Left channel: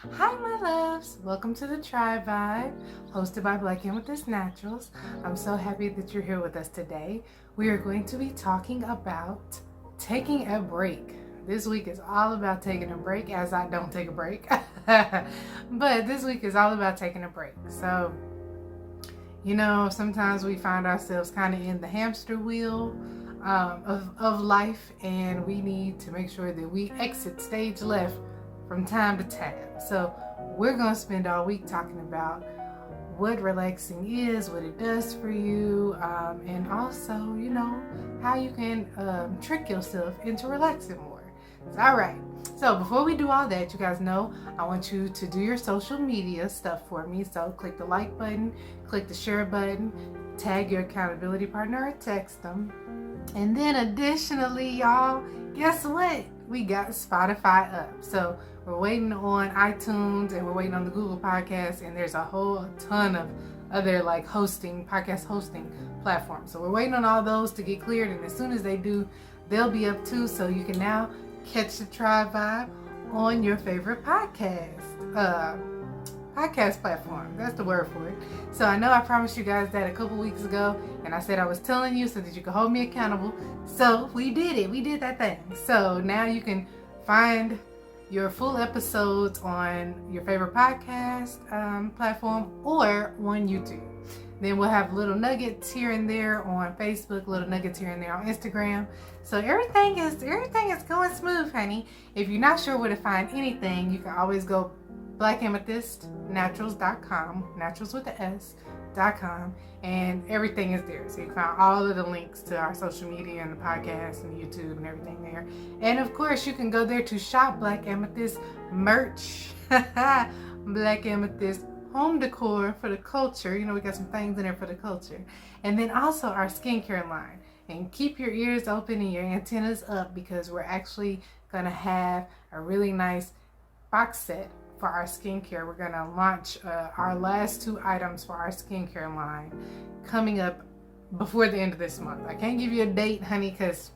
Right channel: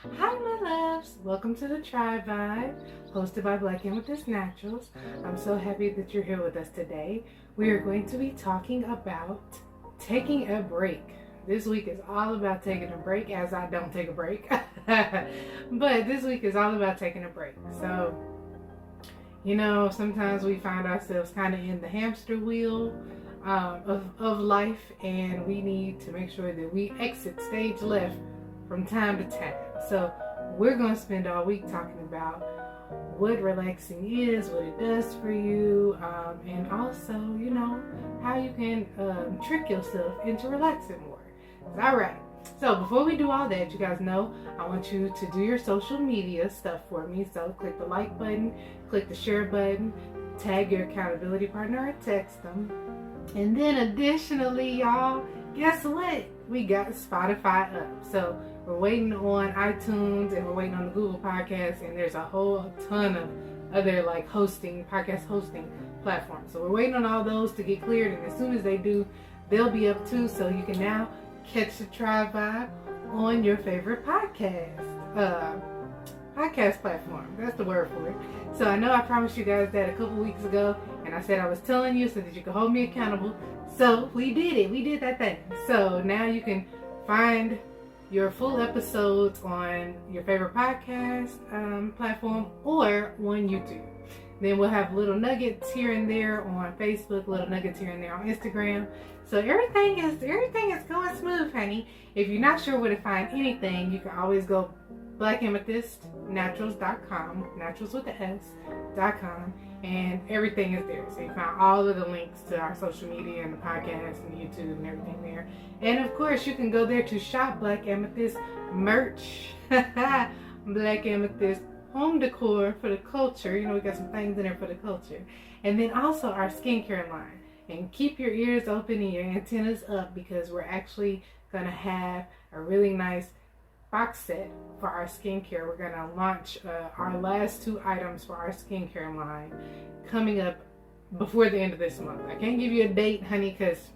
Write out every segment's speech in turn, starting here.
Hi my loves, welcome to the TRIBEvibe, hosted by Black Amethyst Naturals. I'm so happy that you're here with us today. We are going to be talking about taking a break. This week is all about taking a break, as I don't take a break. But this week is all about taking a break. So, sometimes we find ourselves kind of in the hamster wheel of life, and we need to make sure that we exit stage left from time to time. So we're going to spend all week talking about what relaxing is, what it does for you, and also, how you can trick yourself into relaxing more. All right. So before we do all that, you guys know I want you to do your social media stuff for me. So click the like button, click the share button, tag your accountability partner or text them. And then additionally, y'all, guess what? We got Spotify up. So we're waiting on iTunes and we're waiting on the Google Podcast, and there's a whole ton of other podcast hosting platforms. So we're waiting on all those to get cleared, and as soon as they do, they'll be up too. So you can now catch the TRIBEvibe on your favorite podcast platform. That's the word for it. So I know I promised you guys that a couple weeks ago, and I said I was telling you so that you could hold me accountable. So we did it. We did that thing. So now you can find your full episodes on your favorite podcast platform or on YouTube. Then we'll have little nuggets here and there on Facebook, little nuggets here and there on Instagram. So everything is going smooth, honey. If you're not sure where to find anything, you can always go blackamethystnaturals.com, naturals with the S.com, and everything is there. So you find all of the links to our social media and the podcast and YouTube and everything there. And of course, you can go there to shop Black Amethyst merch. Black Amethyst home decor for the culture. We got some things in there for the culture. And then also our skincare line. And keep your ears open and your antennas up, because we're actually going to have a really nice box set for our skincare. We're going to launch our last 2 items for our skincare line coming up before the end of this month. I can't give you a date, honey, because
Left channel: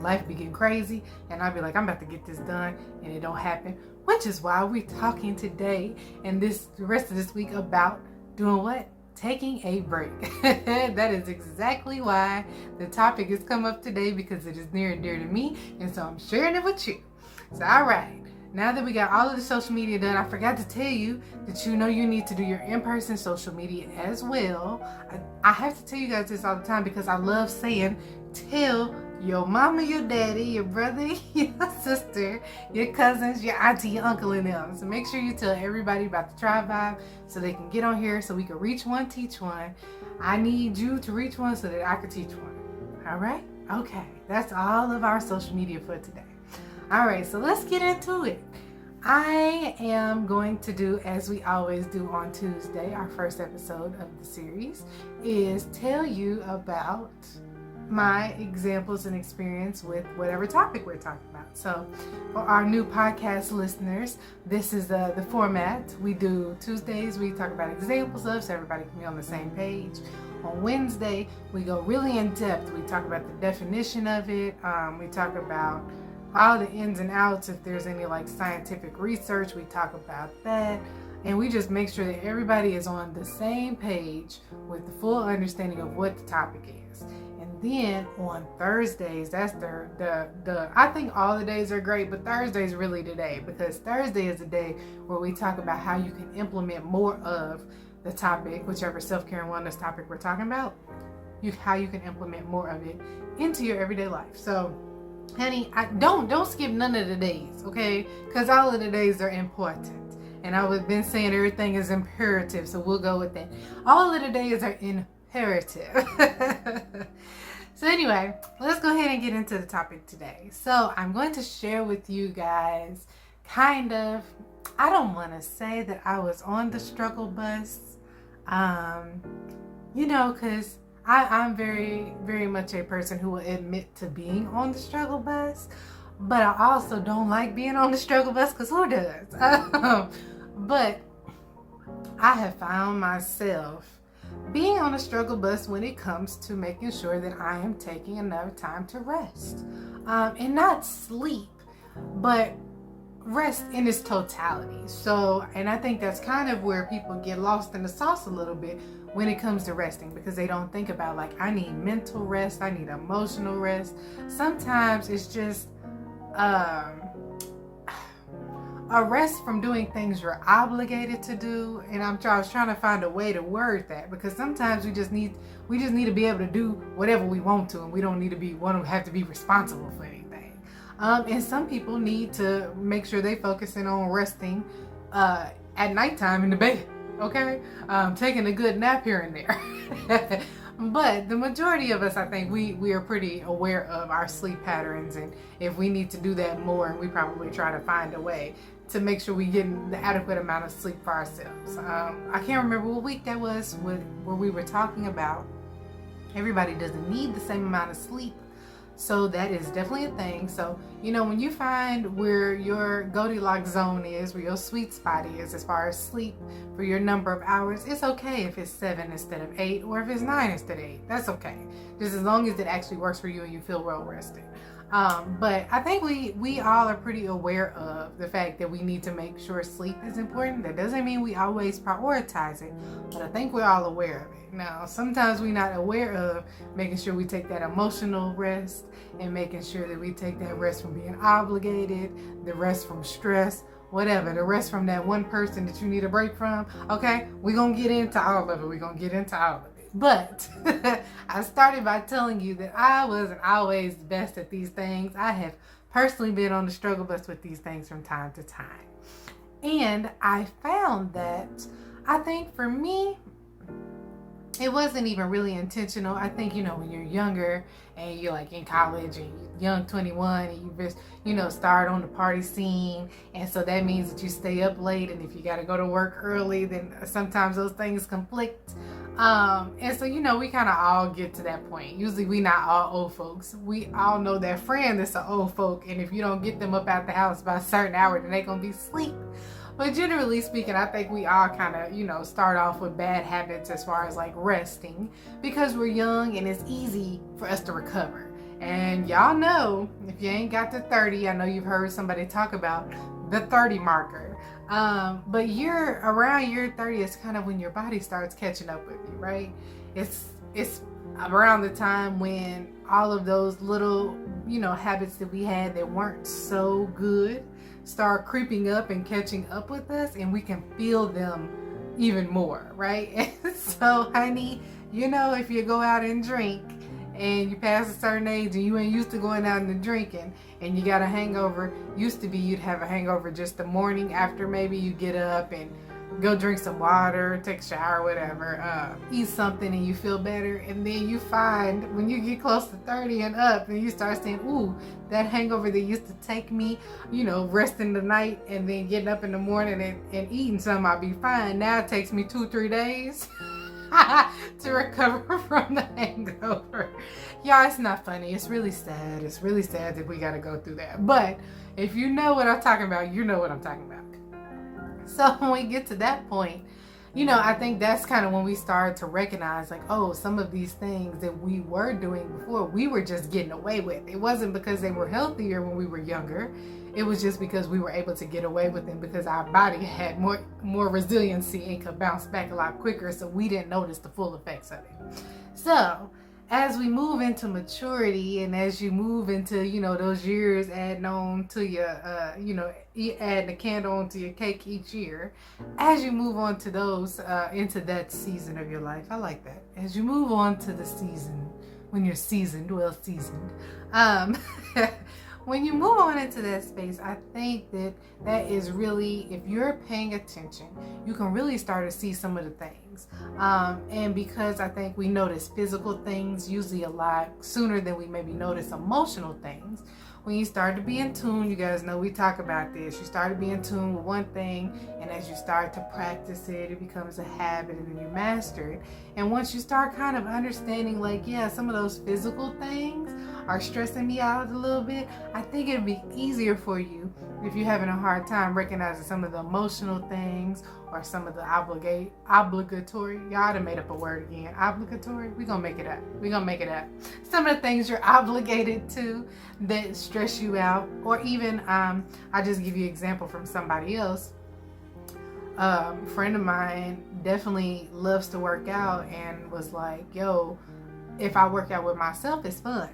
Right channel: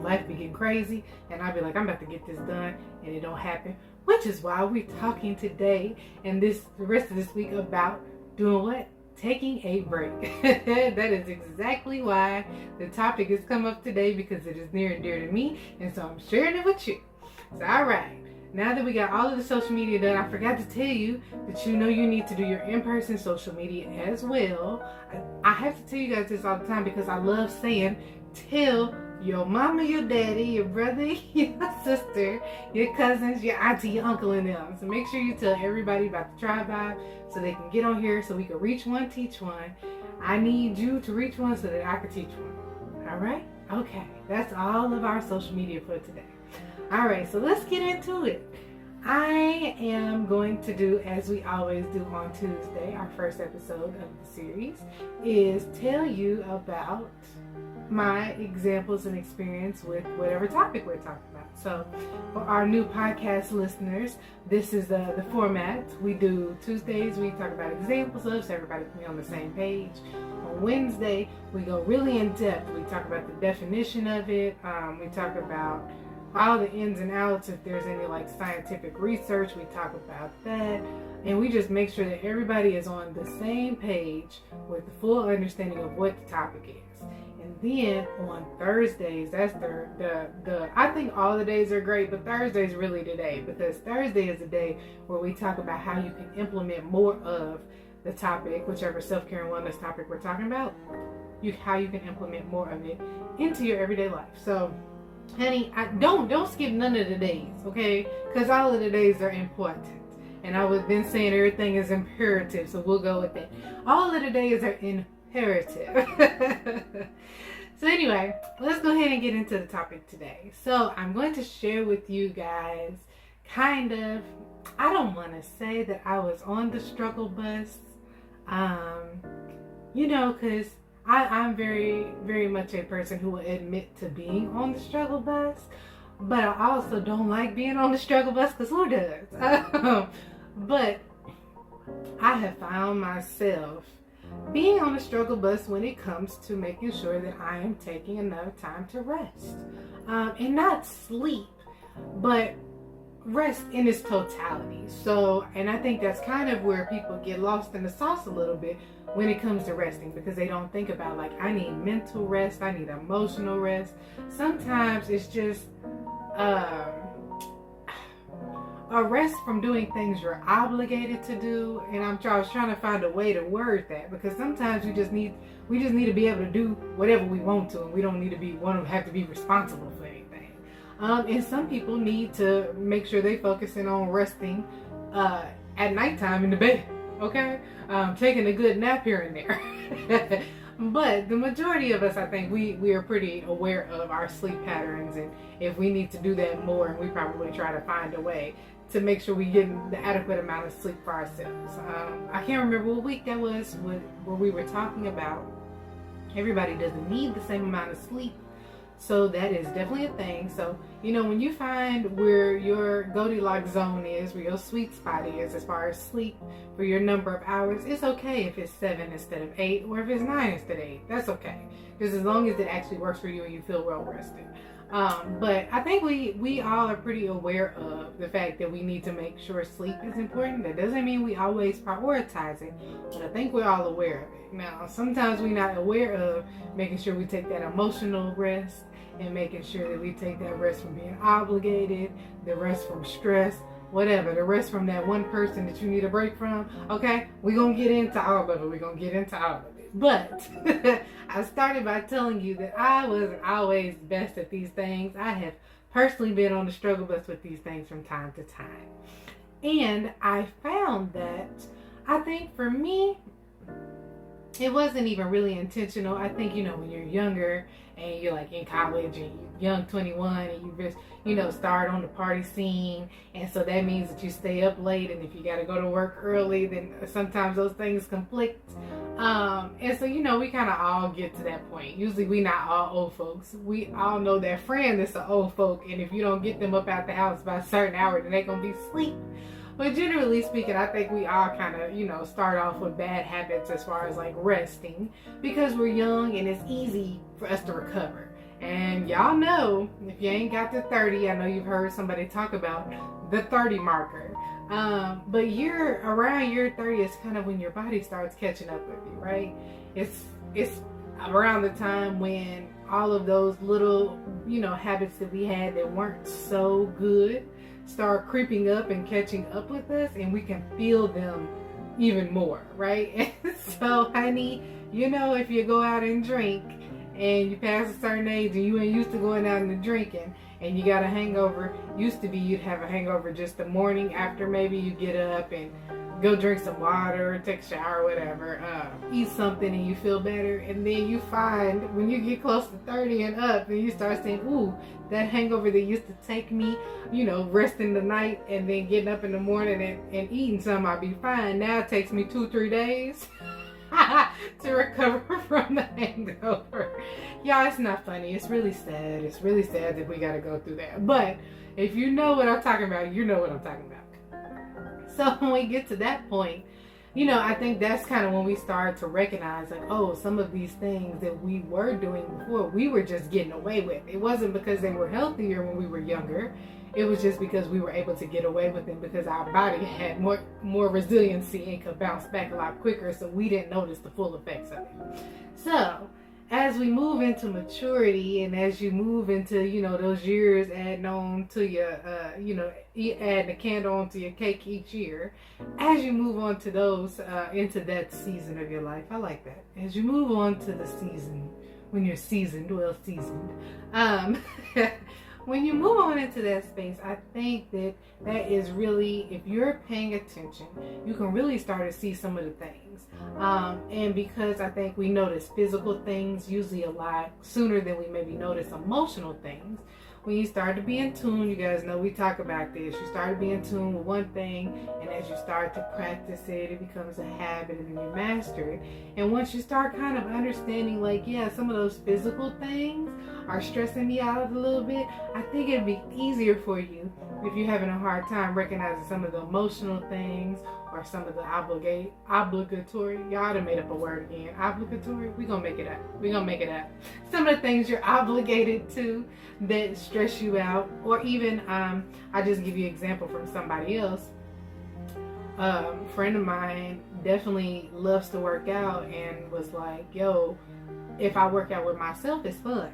life be getting crazy, and I'll be like, I'm about to get this done, and it don't happen. Which is why we're talking today and the rest of this week about doing what? Taking a break. That is exactly why the topic has come up today, because it is near and dear to me, and so I'm sharing it with you. So all right, now that we got all of the social media done, I forgot to tell you that you need to do your in-person social media as well. I have to tell you guys this all the time because I love saying, tell your mama, your daddy, your brother, your sister, your cousins, your auntie, your uncle, and them. So make sure you tell everybody about the TRIBEvibe so they can get on here, so we can reach one, teach one. I need you to reach one so that I can teach one. All right? Okay. That's all of our social media for today. All right. So let's get into it. I am going to do, as we always do on Tuesday, our first episode of the series, is tell you about my examples and experience with whatever topic we're talking about. So for our new podcast listeners, this is the format. We do Tuesdays, we talk about examples of, so everybody can be on the same page. On Wednesday, we go really in depth. We talk about the definition of it. We talk about all the ins and outs. If there's any scientific research, we talk about that. And we just make sure that everybody is on the same page with the full understanding of what the topic is. And then on Thursdays, that's the I think all the days are great, but Thursday's really the day, because Thursday is the day where we talk about how you can implement more of the topic, whichever self-care and wellness topic we're talking about, how you can implement more of it into your everyday life. So, honey, don't skip none of the days, okay? Because all of the days are important. And I would been saying everything is imperative, so we'll go with that. All of the days are imperative. So anyway, let's go ahead and get into the topic today. So I'm going to share with you guys I don't want to say that I was on the struggle bus, because I'm very, very much a person who will admit to being on the struggle bus, but I also don't like being on the struggle bus, because who does? But I have found myself being on a struggle bus when it comes to making sure that I am taking enough time to rest and not sleep, but rest in its totality. So, and I think that's kind of where people get lost in the sauce a little bit when it comes to resting, because they don't think about, like, I need mental rest, I need emotional rest. Sometimes it's just a rest from doing things you're obligated to do. And I was trying to find a way to word that, because sometimes we just need to be able to do whatever we want to, and we don't need to have to be responsible for anything. And some people need to make sure they focusing on resting at nighttime in the bed, okay? Taking a good nap here and there. But the majority of us, I think we are pretty aware of our sleep patterns, and if we need to do that more, and we probably try to find a way to make sure we get the adequate amount of sleep for ourselves. I can't remember what week that was where we were talking about everybody doesn't need the same amount of sleep. So that is definitely a thing. So, when you find where your Goldilocks zone is, where your sweet spot is as far as sleep for your number of hours, it's okay if it's 7 instead of 8, or if it's 9 instead of 8. That's okay. Just as long as it actually works for you and you feel well rested. But I think we all are pretty aware of the fact that we need to make sure sleep is important. That doesn't mean we always prioritize it, but I think we're all aware of it. Now, sometimes we're not aware of making sure we take that emotional rest, and making sure that we take that rest from being obligated, the rest from stress, whatever, the rest from that one person that you need a break from. Okay, we're going to get into all of it. But I started by telling you that I wasn't always best at these things. I have personally been on the struggle bus with these things from time to time. And I found that, I think for me, it wasn't even really intentional. I think, when you're younger and you're like in college and you're young 21 and you just, start on the party scene. And so that means that you stay up late. And if you got to go to work early, then sometimes those things conflict. And so, we kind of all get to that point. Usually we not all old folks. We all know that friend that's an old folk. And if you don't get them up out the house by a certain hour, then they're going to be asleep. But generally speaking, I think we all kind of, start off with bad habits as far as like resting, because we're young and it's easy for us to recover. And y'all know, if you ain't got to 30, I know you've heard somebody talk about the 30 marker. But around year 30 is kind of when your body starts catching up with you, right? It's around the time when all of those little, habits that we had that weren't so good start creeping up and catching up with us, and we can feel them even more, right? And so, honey, if you go out and drink and you pass a certain age and you ain't used to going out and drinking and you got a hangover, used to be you'd have a hangover just the morning after, maybe you get up and go drink some water, take a shower, whatever, eat something and you feel better. And then you find when you get close to 30 and up, and you start saying, ooh, that hangover that used to take me, resting the night and then getting up in the morning and eating something, I'll be fine. Now it takes me 2-3 days to recover from the hangover. Y'all, it's not funny. It's really sad. It's really sad that we got to go through that. But if you know what I'm talking about, you know what I'm talking about. So when we get to that point, I think that's kind of when we start to recognize, like, oh, some of these things that we were doing before, we were just getting away with. It wasn't because they were healthier when we were younger. It was just because we were able to get away with them because our body had more resiliency and could bounce back a lot quicker, so we didn't notice the full effects of it. So as we move into maturity, and as you move into, those years adding on to your, adding a candle onto your cake each year, as you move on to those, into that season of your life, I like that. As you move on to the season, when you're seasoned, when you move on into that space, I think that is really, if you're paying attention, you can really start to see some of the things. And because I think we notice physical things usually a lot sooner than we maybe notice emotional things. When you start to be in tune, you guys know we talk about this, you start to be in tune with one thing, and as you start to practice it, it becomes a habit, and then you master it. And once you start kind of understanding, like, yeah, some of those physical things are stressing me out a little bit, I think it'd be easier for you if you're having a hard time recognizing some of the emotional things or some of the obligatory, y'all done made up a word again, obligatory, we're gonna make it up. Some of the things you're obligated to that stress you out. Or even, I just give you an example from somebody else. Friend of mine definitely loves to work out and was like, yo, if I work out with myself, it's fun.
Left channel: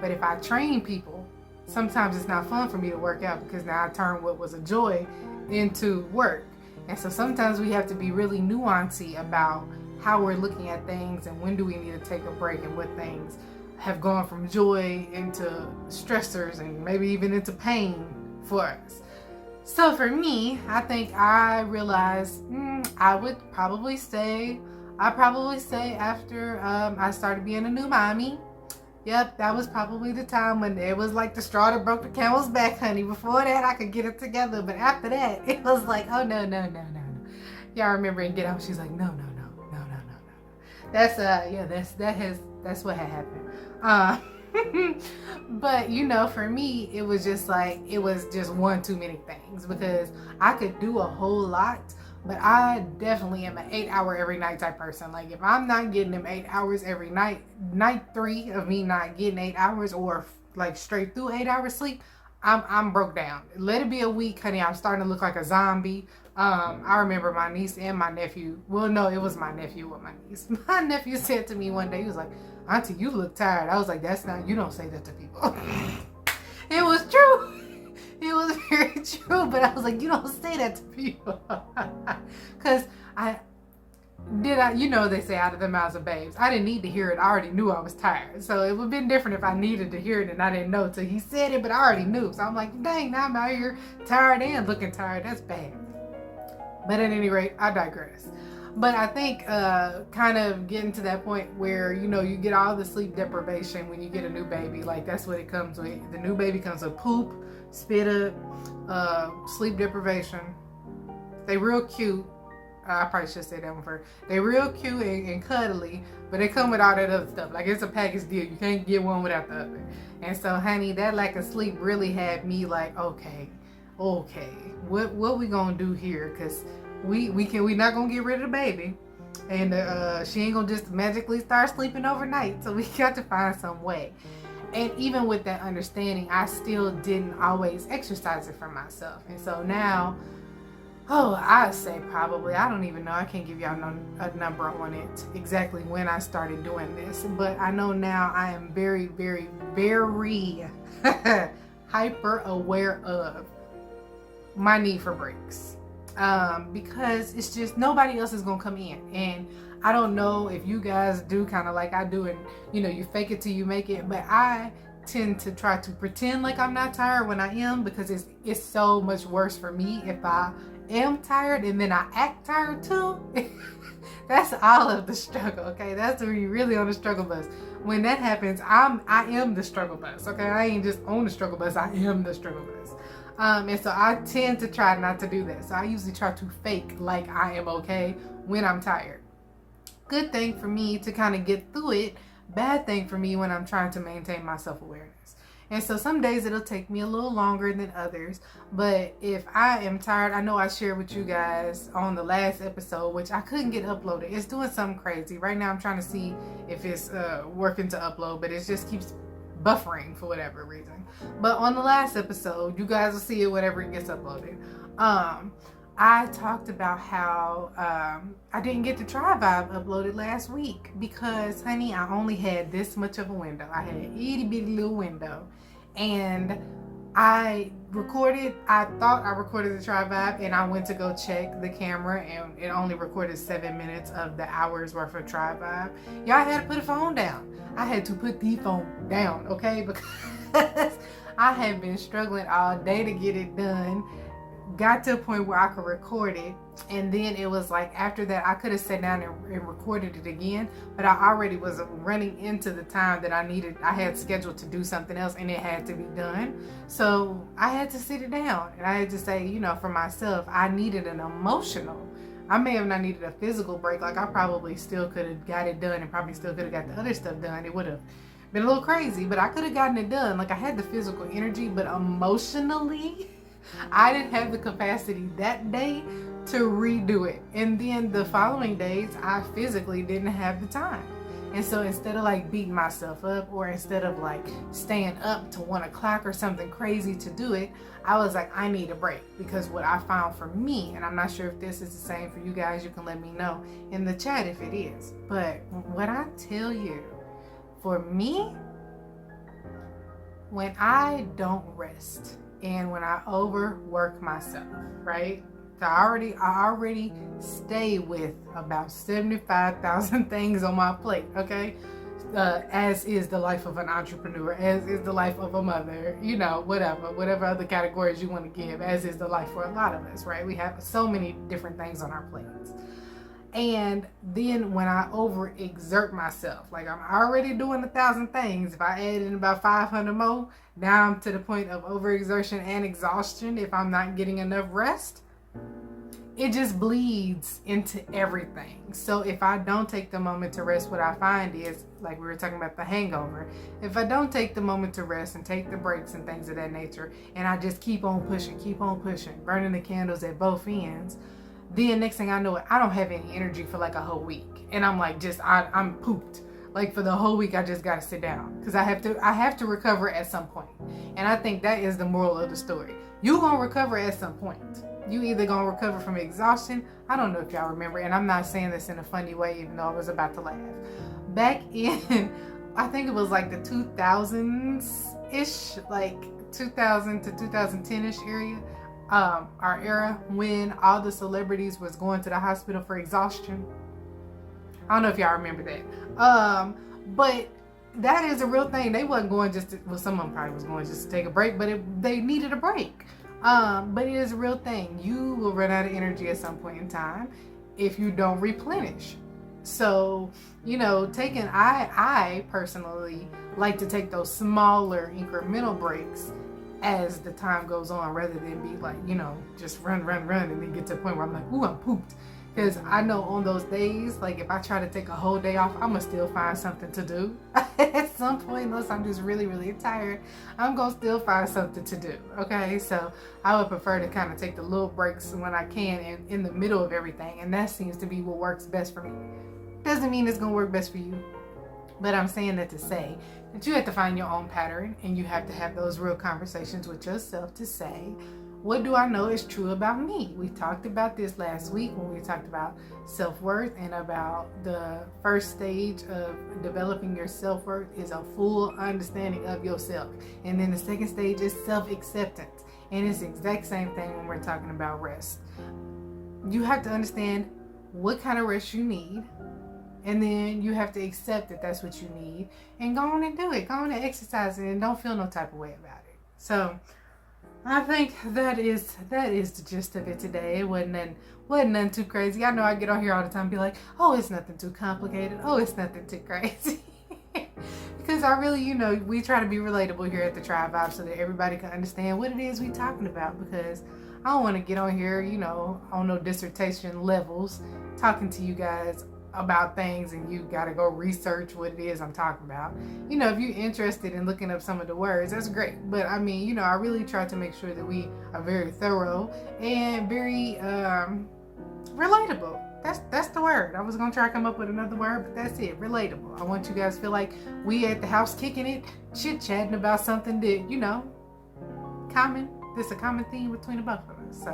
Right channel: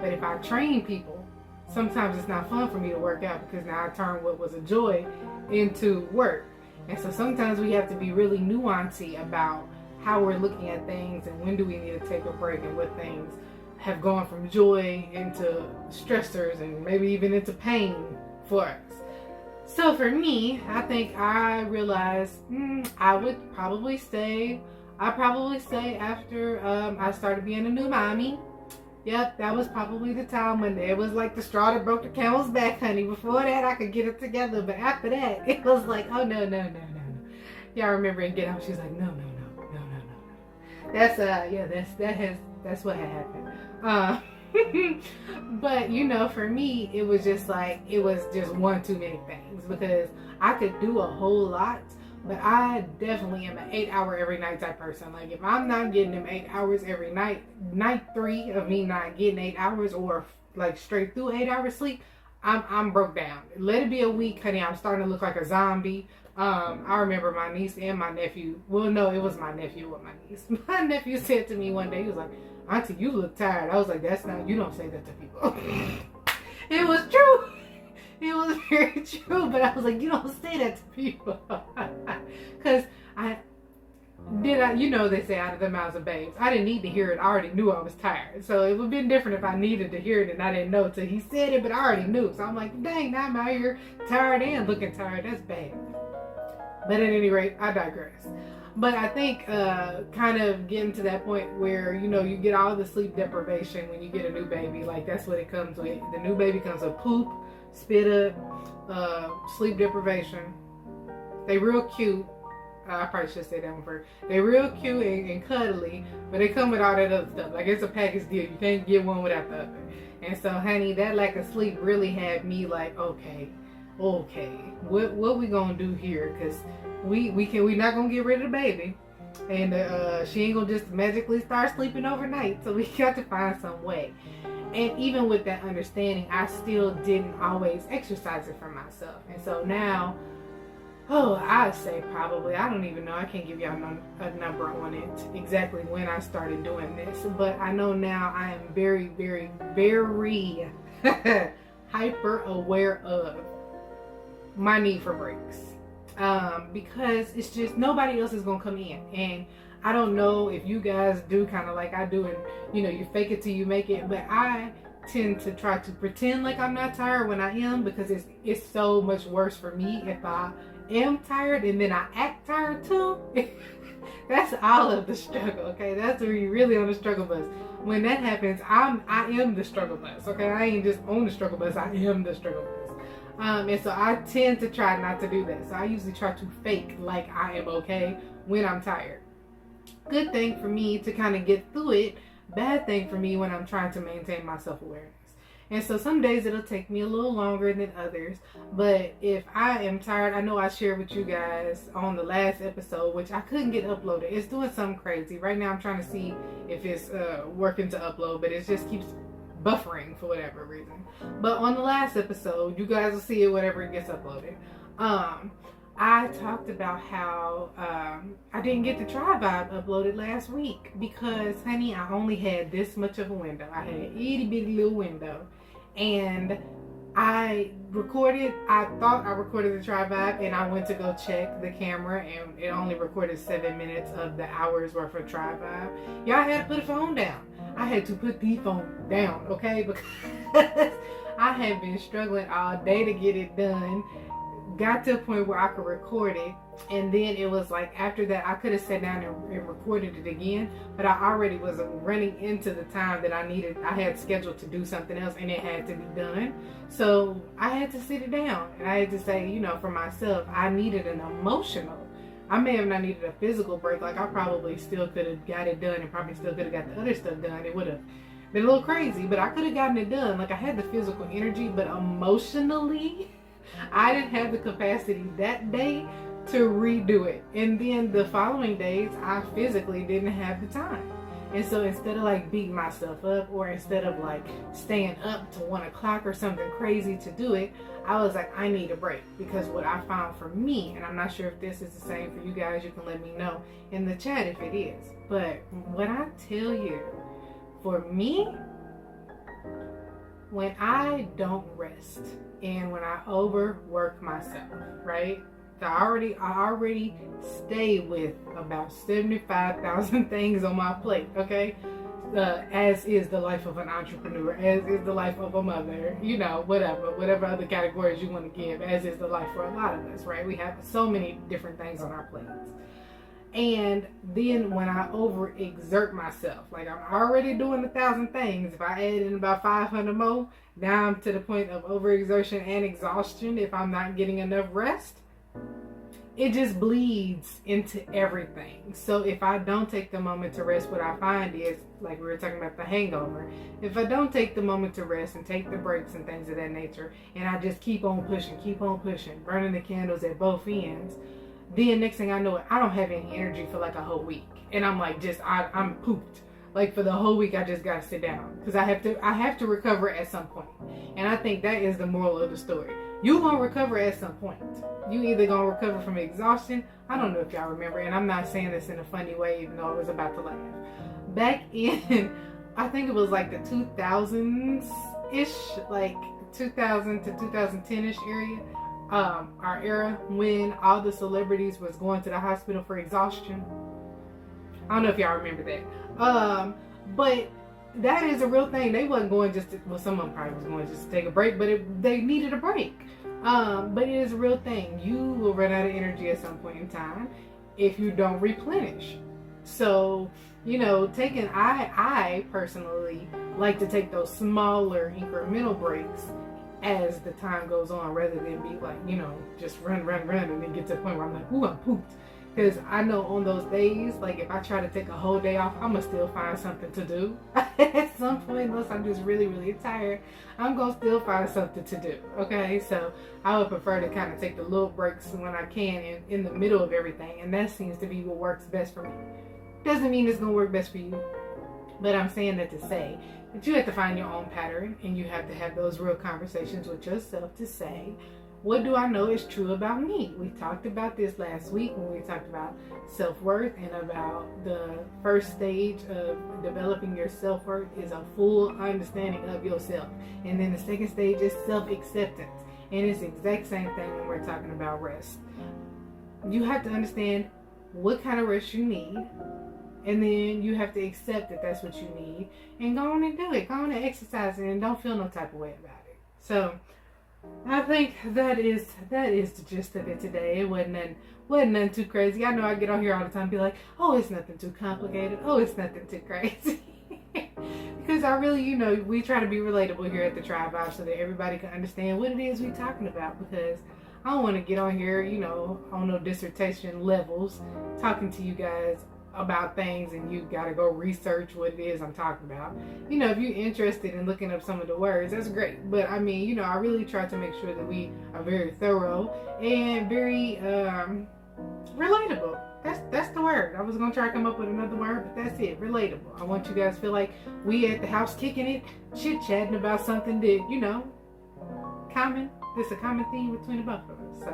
But if I train people, sometimes it's not fun for me to work out because now I turn what was a joy into work. And so sometimes we have to be really nuancey about how we're looking at things and when do we need to take a break and what things have gone from joy into stressors and maybe even into pain for us. So for me, I think I realized I'd probably say after I started being a new mommy. Yep, that was probably the time when it was like the straw that broke the camel's back, honey. Before that, I could get it together. But after that, it was like, oh, no. Y'all remember in Get Out, she's like, no. That's, that's what had happened. But, you know, for me, it was just like, it was just one too many things because I could do a whole lot. But I definitely am an 8-hour every night type person. Like if I'm not getting them 8 hours every night, night 3 of me not getting 8 hours or like straight through 8 hours sleep, I'm broke down. Let it be a week, honey. I'm starting to look like a zombie. I remember my niece and my nephew. Well, no, it was my nephew with my niece. My nephew said to me one day, he was like, Auntie, you look tired. I was like, you don't say that to people. It was true. It was very true, but I was like, you don't say that to people. Because you know, they say out of the mouths of babes. I didn't need to hear it. I already knew I was tired. So it would have been different if I needed to hear it and I didn't know till he said it, but I already knew. So I'm like, dang, now I'm out here tired and looking tired. That's bad. But at any rate, I digress. But I think kind of getting to that point where, you know, you get all the sleep deprivation when you get a new baby. Like that's what it comes with. The new baby comes with poop, spit up, sleep deprivation. They real cute. I probably should say that one first. They real cute and cuddly, but they come with all that other stuff. Like it's a package deal. You can't get one without the other. And so, honey, that lack of sleep really had me like, okay, what we gonna do here? Cause we not gonna get rid of the baby, and she ain't gonna just magically start sleeping overnight. So we got to find some way. And even with that understanding, I still didn't always exercise it for myself. And so now, I'd say probably, I don't even know, I can't give y'all a number on it exactly when I started doing this. But I know now I am very, very, very hyper aware of my need for breaks. Because it's just nobody else is going to come in. And I don't know if you guys do kind of like I do, and you know, you fake it till you make it, but I tend to try to pretend like I'm not tired when I am, because it's so much worse for me if I am tired and then I act tired too. That's all of the struggle, okay? That's where you're really on the struggle bus. When that happens, I am the struggle bus, okay? I ain't just on the struggle bus, I am the struggle bus. And so I tend to try not to do that. So I usually try to fake like I am okay when I'm tired. Good thing for me to kind of get through it. Bad thing for me when I'm trying to maintain my self-awareness. And so some days it'll take me a little longer than others. But if I am tired, I know I shared with you guys on the last episode, which I couldn't get uploaded. It's doing something crazy. Right now I'm trying to see if it's working to upload, but it just keeps buffering for whatever reason. But on the last episode, you guys will see it whenever it gets uploaded. I talked about how I didn't get the TRIBEvibe uploaded last week because, honey, I only had this much of a window. I had an itty bitty little window, and I thought I recorded the TRIBEvibe, and I went to go check the camera, and it only recorded 7 minutes of the hour's worth of TRIBEvibe. Y'all had to put the phone down. I had to put the phone down, okay? Because I had been struggling all day to get it done. Got to a point where I could record it, and then it was like after that I could have sat down and recorded it again, but I already was running into the time that I had scheduled to do something else, and it had to be done. So I had to sit it down, and I had to say, you know, for myself, I needed an emotional. I may have not needed a physical break. Like I probably still could have got it done, and probably still could have got the other stuff done. It would have been a little crazy, but I could have gotten it done. Like I had the physical energy, but emotionally, I didn't have the capacity that day to redo it. And then the following days, I physically didn't have the time. And so instead of like beating myself up, or instead of like staying up to 1 o'clock or something crazy to do it, I was like, I need a break. Because what I found for me, and I'm not sure if this is the same for you guys, you can let me know in the chat if it is. But what I tell you, for me, when I don't rest and when I overwork myself, right? I already stay with about 75,000 things on my plate, okay? As is the life of an entrepreneur, as is the life of a mother, whatever other categories you want to give, as is the life for a lot of us, right? We have so many different things on our plates. And then when I overexert myself, like I'm already doing 1,000 things, if I add in about 500 more, now I'm to the point of overexertion and exhaustion if I'm not getting enough rest. It just bleeds into everything. So if I don't take the moment to rest, what I find is, like we were talking about the hangover, if I don't take the moment to rest and take the breaks and things of that nature, and I just keep on pushing, burning the candles at both ends, then next thing I know, I don't have any energy for like a whole week. And I'm like, I'm pooped. Like for the whole week, I just gotta sit down because I have to recover at some point. And I think that is the moral of the story. You gonna recover at some point. You either gonna recover from exhaustion. I don't know if y'all remember, and I'm not saying this in a funny way, even though I was about to laugh. Back in, I think it was like the 2000s-ish, like 2000 to 2010-ish area, our era, when all the celebrities was going to the hospital for exhaustion. I don't know if y'all remember that. But that is a real thing. They wasn't going just to, well, some of them probably was going just to take a break, but they needed a break. But it is a real thing. You will run out of energy at some point in time if you don't replenish. So, I personally like to take those smaller incremental breaks as the time goes on, rather than be like, just run and then get to the point where I'm like, ooh, I'm pooped. Because I know on those days, like if I try to take a whole day off, I'm going to still find something to do. At some point, unless I'm just really, really tired, I'm going to still find something to do. Okay, so I would prefer to kind of take the little breaks when I can in the middle of everything. And that seems to be what works best for me. Doesn't mean it's going to work best for you. But I'm saying that to say that you have to find your own pattern, and you have to have those real conversations with yourself to say, what do I know is true about me? We talked about this last week when we talked about self-worth, and about the first stage of developing your self-worth is a full understanding of yourself. And then the second stage is self-acceptance. And it's the exact same thing when we're talking about rest. You have to understand what kind of rest you need. And then you have to accept that that's what you need. And go on and do it. Go on and exercise it, and don't feel no type of way about it. So I think that is the gist of it today. It wasn't nothing too crazy. I know I get on here all the time and be like, oh, it's nothing too complicated. Oh, it's nothing too crazy. Because I really, we try to be relatable here at the TRIBEvibe so that everybody can understand what it is we're talking about. Because I don't want to get on here, on no dissertation levels talking to you guys about things and you got to go research what it is I'm talking about. If you're interested in looking up some of the words, that's great. But I mean, I really try to make sure that we are very thorough and very relatable. That's the word. I was going to try to come up with another word, but that's it. Relatable. I want you guys to feel like we at the house kicking it, chit-chatting about something that, common. There's a common theme between the both of us. So,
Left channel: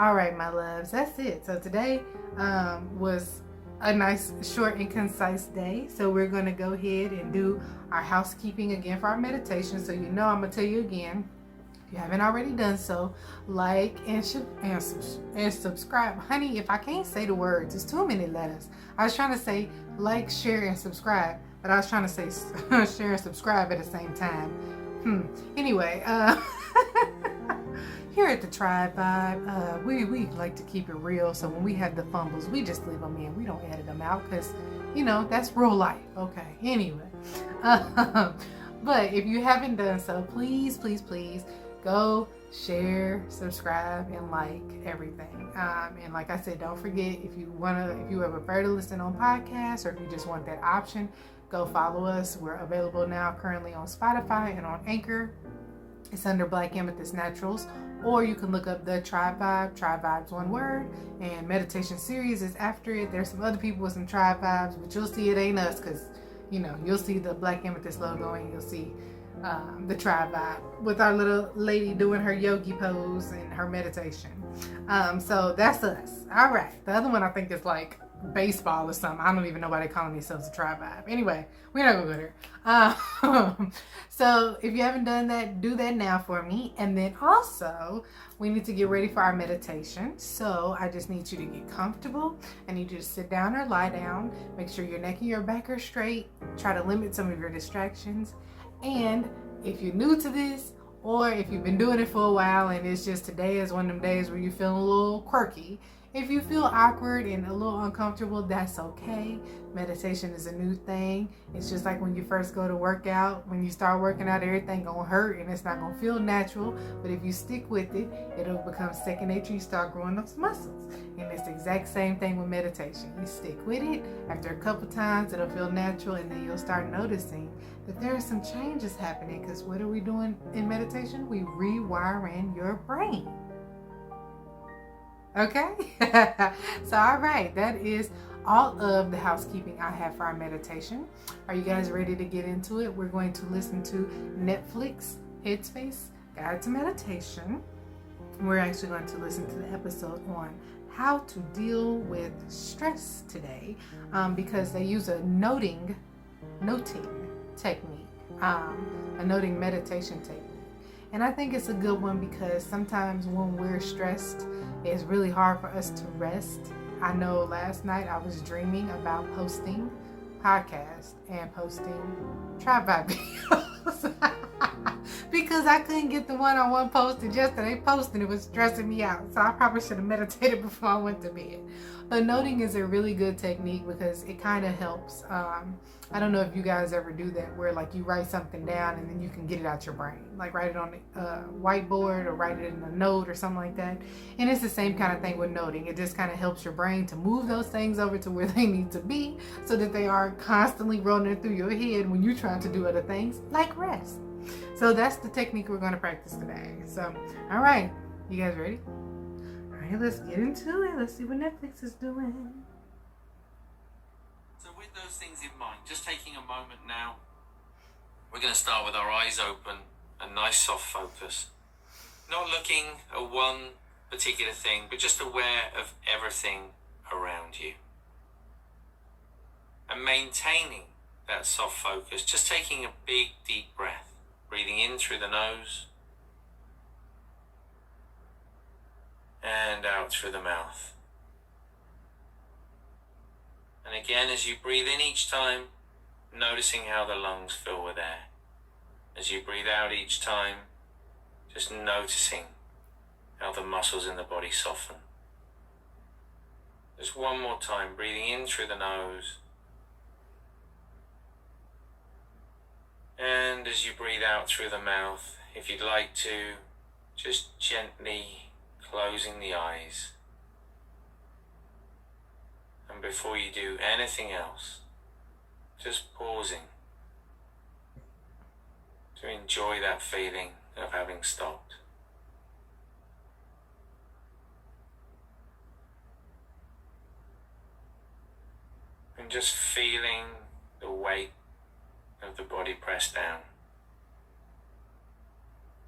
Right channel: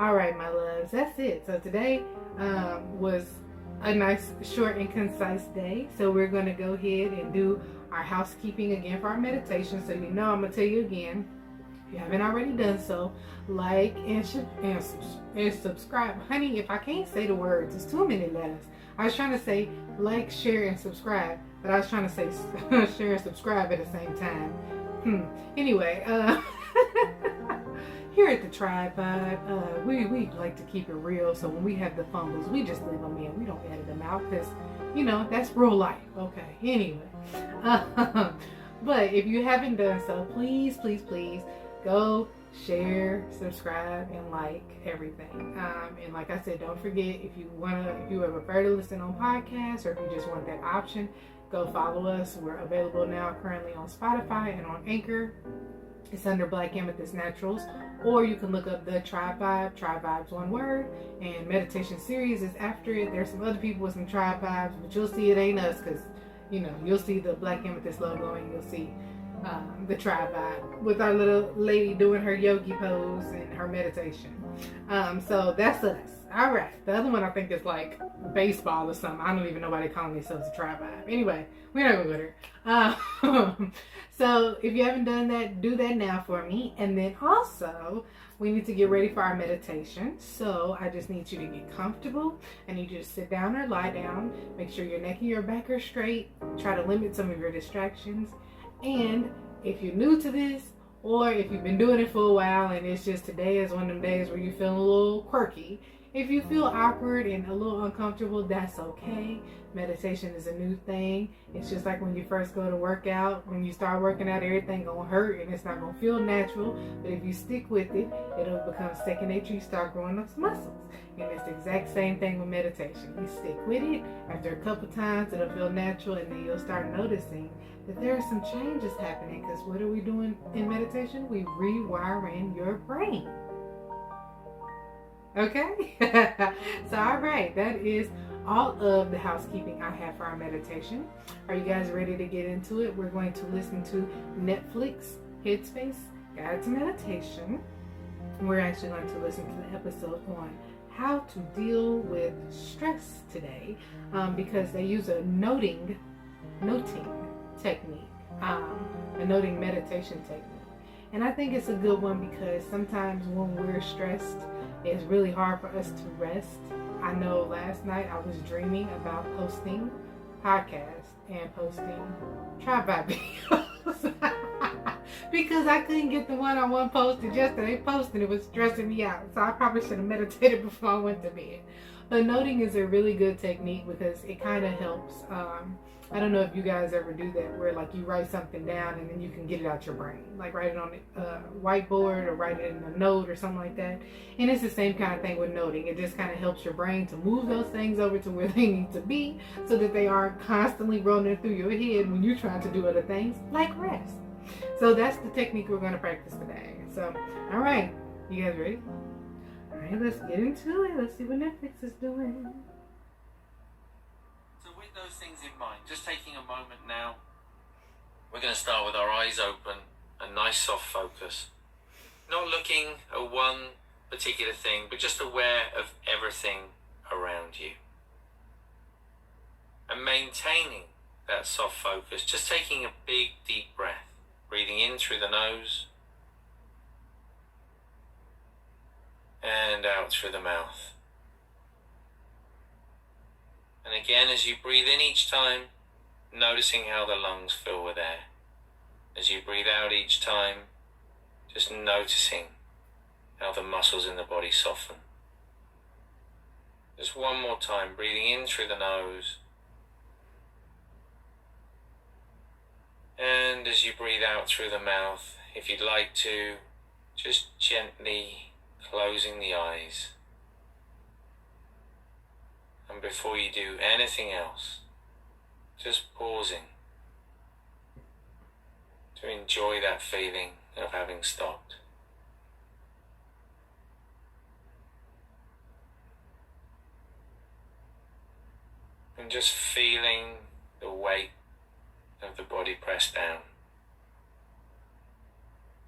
all right, my loves, that's it. So today was a nice, short and concise day. So we're going to go ahead and do our housekeeping again for our meditation. So I'm going to tell you again, if you haven't already done so, like and subscribe. Honey, if I can't say the words, it's too many letters. I was trying to say like, share, and subscribe, but I was trying to say share and subscribe at the same time. Anyway, here at the TRIBEvibe, we like to keep it real. So when we have the fumbles, we just leave them in. We don't edit them out because, that's real life. Okay, anyway. But if you haven't done so, please, please, please go share, subscribe, and like everything. And like I said, don't forget, if you ever prefer to listen on podcasts, or if you just want that option, go follow us. We're available now currently on Spotify and on Anchor. It's under Black Amethyst Naturals, or you can look up the TRIBEvibe. TRIBEvibe's one word, and meditation series is after it. There's some other people with some TRIBEvibes, but you'll see it ain't us, because you'll see the Black Amethyst logo and you'll see the TRIBEvibe with our little lady doing her yogi pose and her meditation. So that's us. All right. The other one I think is like baseball or something. I don't even know why they calling themselves a TRIBEvibe. Anyway, we're not gonna go there. So if you haven't done that, do that now for me. And then also, we need to get ready for our meditation. So I just need you to get comfortable. I need you to sit down or lie down. Make sure your neck and your back are straight. Try to limit some of your distractions. And if you're new to this, or if you've been doing it for a while and it's just today is one of them days where you feel a little quirky, if you feel awkward and a little uncomfortable, that's okay. Meditation is a new thing. It's just like when you first go to work out. When you start working out, everything gonna hurt and it's not gonna feel natural. But if you stick with it, it'll become second nature. You start growing those muscles. And it's the exact same thing with meditation. You stick with it. After a couple times, it'll feel natural, and then you'll start noticing that there are some changes happening. Because what are we doing in meditation? We rewiring your brain. Okay? So, all right, that is all of the housekeeping I have for our meditation. Are you guys ready to get into it? We're going to listen to Netflix Headspace Guide to Meditation. We're actually going to listen to the episode on how to deal with stress today, because they use a noting technique, a noting meditation technique. And I think it's a good one because sometimes when we're stressed, it's really hard for us to rest. I know last night I was dreaming about posting podcasts and posting TRIBEvibe videos because I couldn't get the one-on-one posted yesterday. Posting it was stressing me out, so I probably should have meditated before I went to bed. But noting is a really good technique because it kind of helps. I don't know if you guys ever do that, where like you write something down and then you can get it out your brain, like write it on a whiteboard or write it in a note or something like that. And it's the same kind of thing with noting. It just kind of helps your brain to move those things over to where they need to be, so that they aren't constantly rolling through your head when you're trying to do other things like rest. So that's the technique we're going to practice today. So, all right, you guys ready? All right, let's get into it. Let's see what Netflix is doing. With those things in mind, just taking a moment now, we're going to start with our eyes open, a nice soft focus. Not looking at one particular thing, but just aware of everything around you. And maintaining that soft focus, just taking a big deep breath, breathing in through the nose and out through the mouth. And again, as you breathe in each time, noticing how the lungs fill with air. As you breathe out each time, just noticing how the muscles in the body soften. Just one more time, breathing in through the nose. And as you breathe out through the mouth, if you'd like to, just gently closing the eyes. And before you do anything else, just pausing to enjoy that feeling of having stopped. And just feeling the weight of the body pressed down.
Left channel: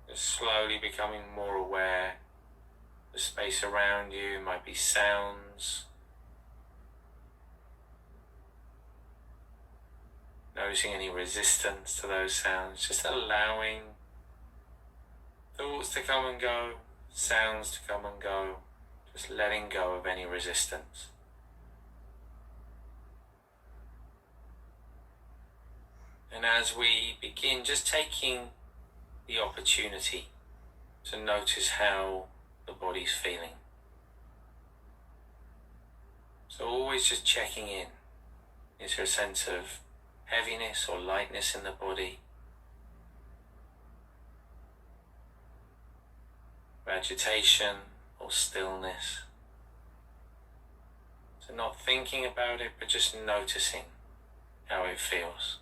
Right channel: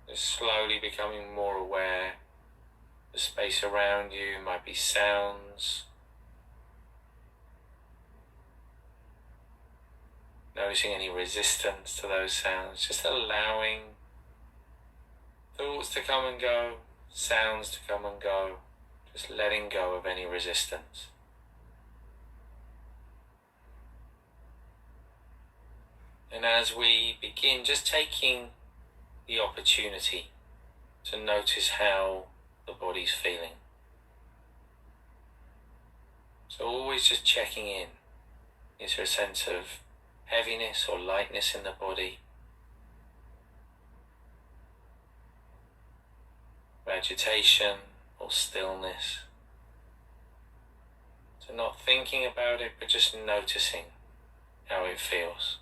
Just slowly becoming more aware. The space around you might be sounds. Noticing any resistance to those sounds, just allowing thoughts to come and go, sounds to come and go, just letting go of any resistance. And as we begin, just taking the opportunity to notice how the body's feeling. So always just checking in. Is there a sense of heaviness or lightness in the body? Agitation or stillness? So not thinking about it, but just noticing how it feels.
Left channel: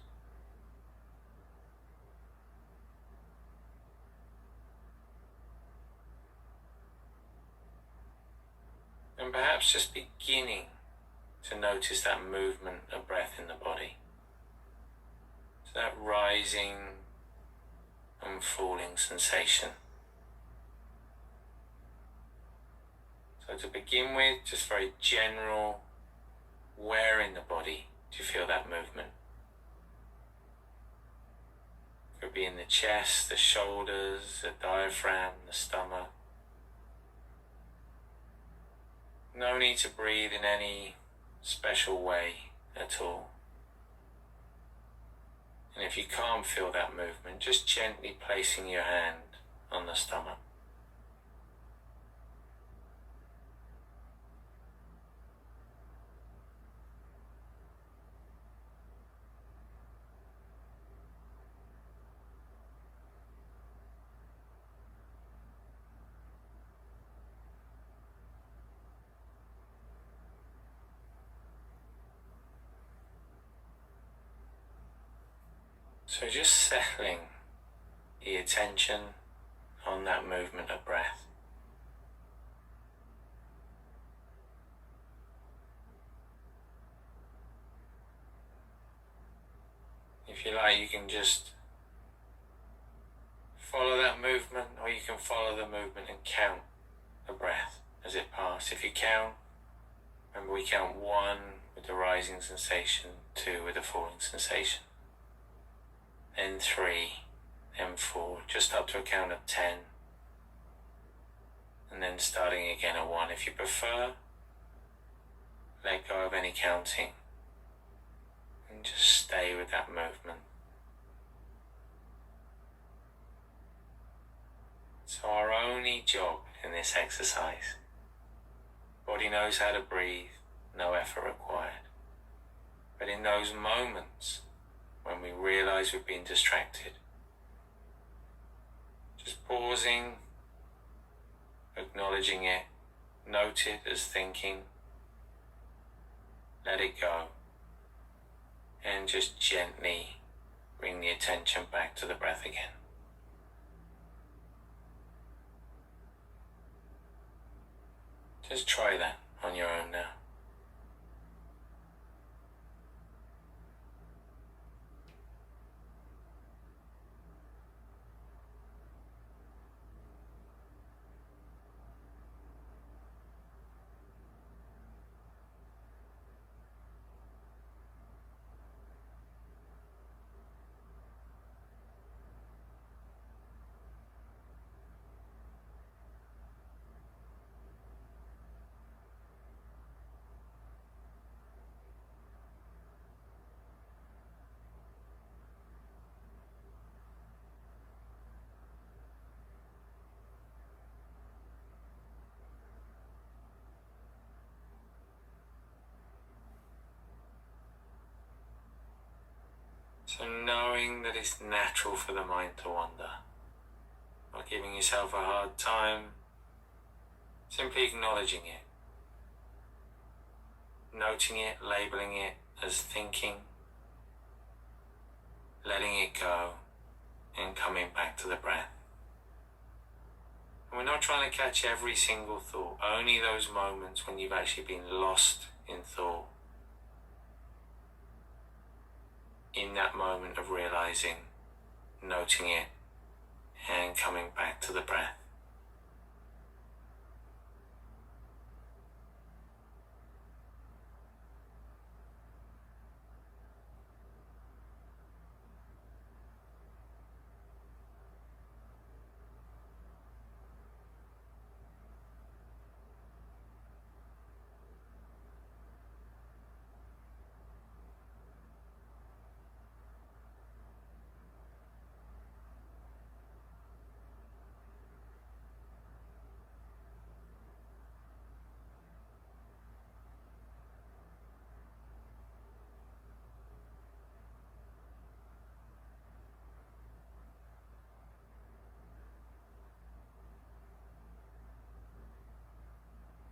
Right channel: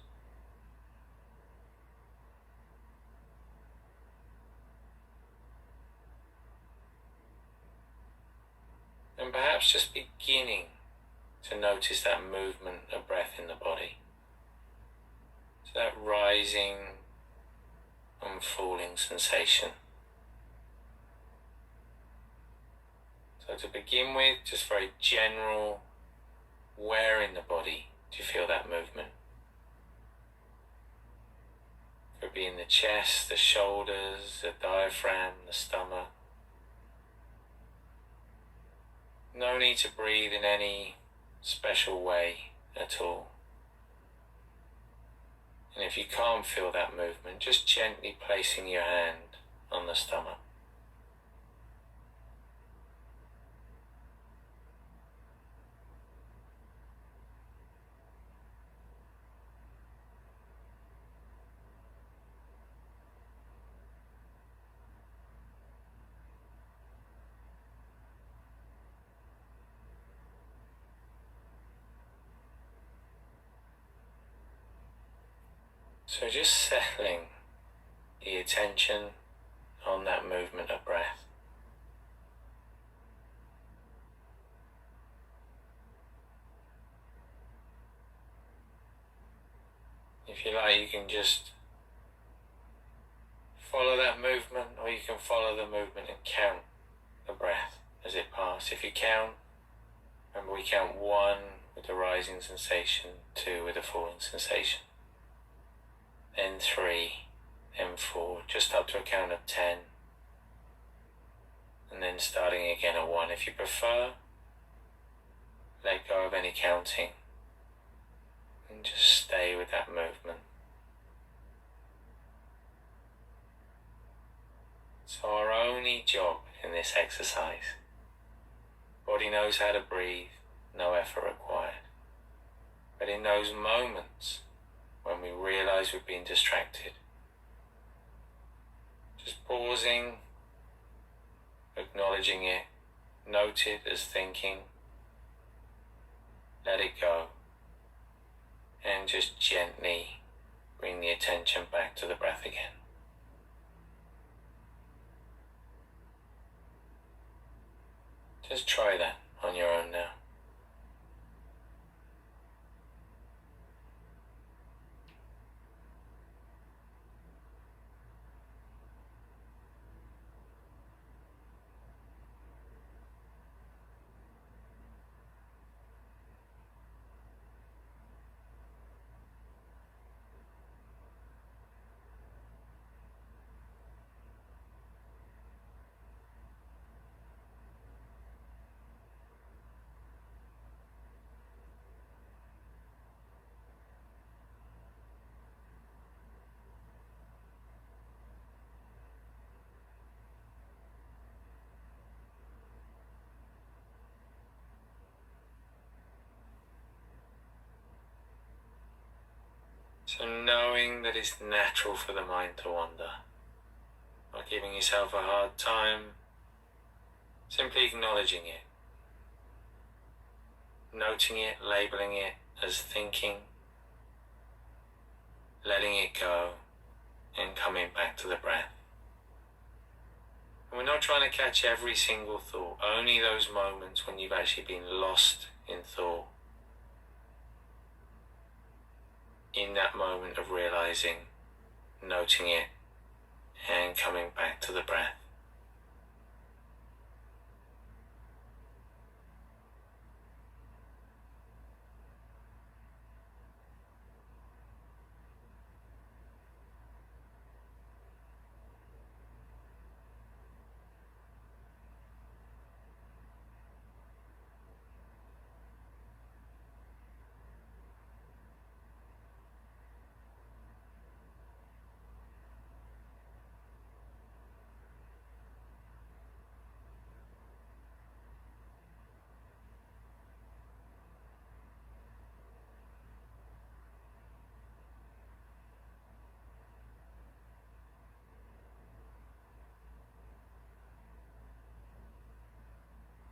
And perhaps just beginning to notice that movement of breath in the body. So that rising and falling sensation. So to begin with, just very general, where in the body do you feel that movement? It could be in the chest, the shoulders, the diaphragm, the stomach. No need to breathe in any special way at all. And if you can't feel that movement, just gently placing your hand on the stomach. So just settling the attention on that movement of breath. If you like, you can just follow that movement, or you can follow the movement and count the breath as it passes. If you count, remember we count 1 with the rising sensation, 2 with the falling sensation, then 3, then 4, just up to a count of 10, and then starting again at 1. If you prefer, let go of any counting and just stay with that movement. So our only job in this exercise, body knows how to breathe, no effort required. But in those moments when we realize we've been distracted, just pausing, acknowledging it, note it as thinking, let it go, and just gently bring the attention back to the breath again. Just try that on your own now. So knowing that it's natural for the mind to wander, not giving yourself a hard time, simply acknowledging it, noting it, labeling it as thinking, letting it go, and coming back to the breath. And we're not trying to catch every single thought, only those moments when you've actually been lost in thought. In that moment of realizing, noting it, and coming back to the breath.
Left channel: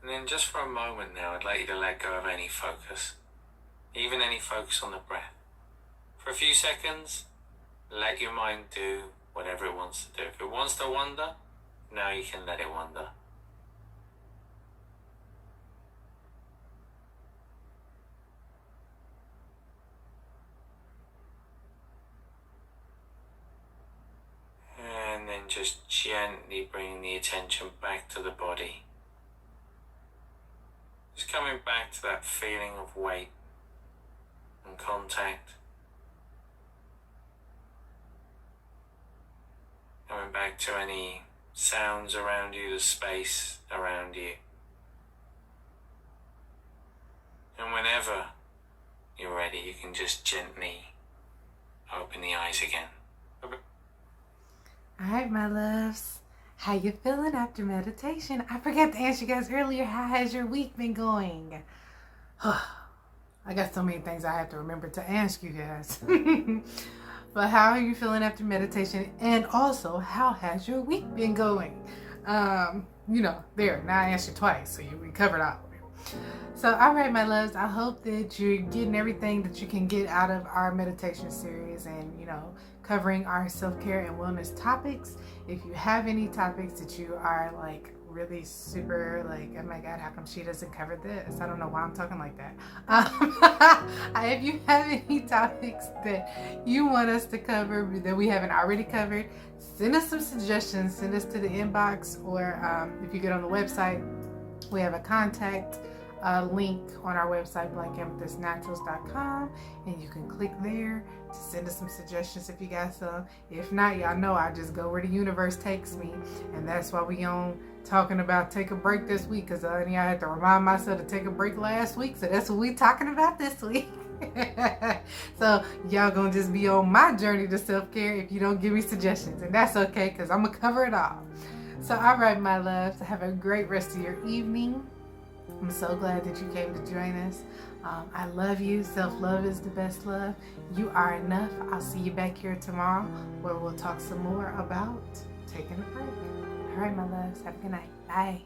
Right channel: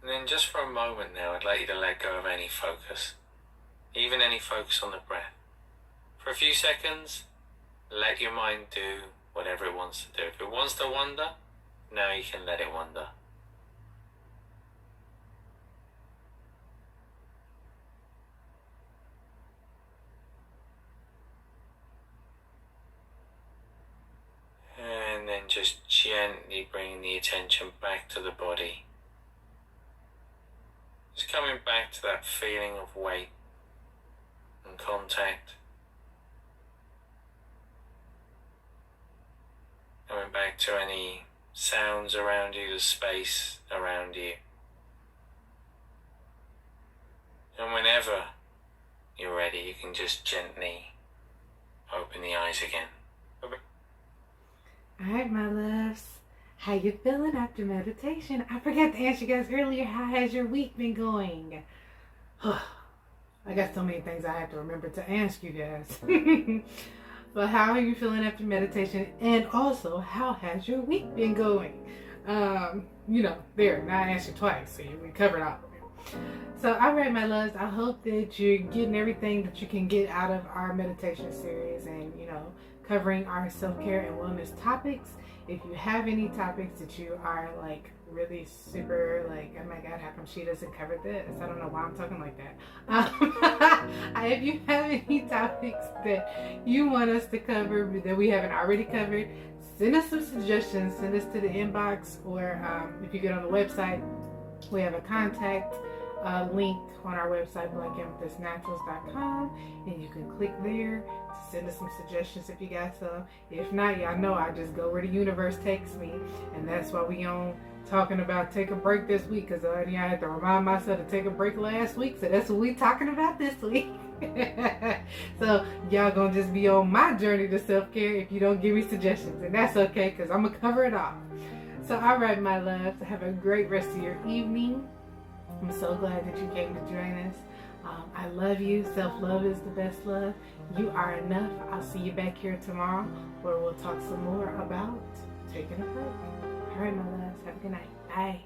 And then just for a moment now, I'd like you to let go of any focus, even any focus on the breath. For a few seconds, let your mind do whatever it wants to do. If it wants to wander, now you can let it wander. just gently bringing the attention back to the body. Just coming back to that feeling of weight and contact. Coming back to any sounds around you, the space around you. And whenever you're ready, you can just gently open the eyes again. Alright, my loves. How you feeling after meditation? I forgot to ask you guys earlier, how has your week been going? I got so many things I have to remember to ask you guys. But how are you feeling after meditation? And also, how has your week been going? You know, there, now I asked you twice, so we covered all of it. So, alright, my loves, I hope that you're getting everything that you can get out of our meditation series and, you know, covering our self-care and wellness topics. If you have any topics that you are like really super like, oh my god, how come she doesn't cover this? I don't know why I'm talking like that. If you have any topics that you want us to cover that we haven't already covered, send us some suggestions. Send us to the inbox, or if you get on the website, we have a contact link on our website, blackamethystnaturals.com, and you can click there to send us some suggestions if you got some. If not, y'all know I just go where the universe takes me, and that's why we on talking about take a break this week, because I had to remind myself to take a break last week, so that's what we talking about this week. So y'all gonna just be on my journey to self-care if you don't give me suggestions, and that's okay, because I'm gonna cover it all. So alright, my loves, have a great rest of your evening. I'm so glad that you came to join us. I love you. Self-love is the best love. You are enough. I'll see you back here tomorrow where we'll talk some more about taking a break. All right, my loves. Have a good night. Bye.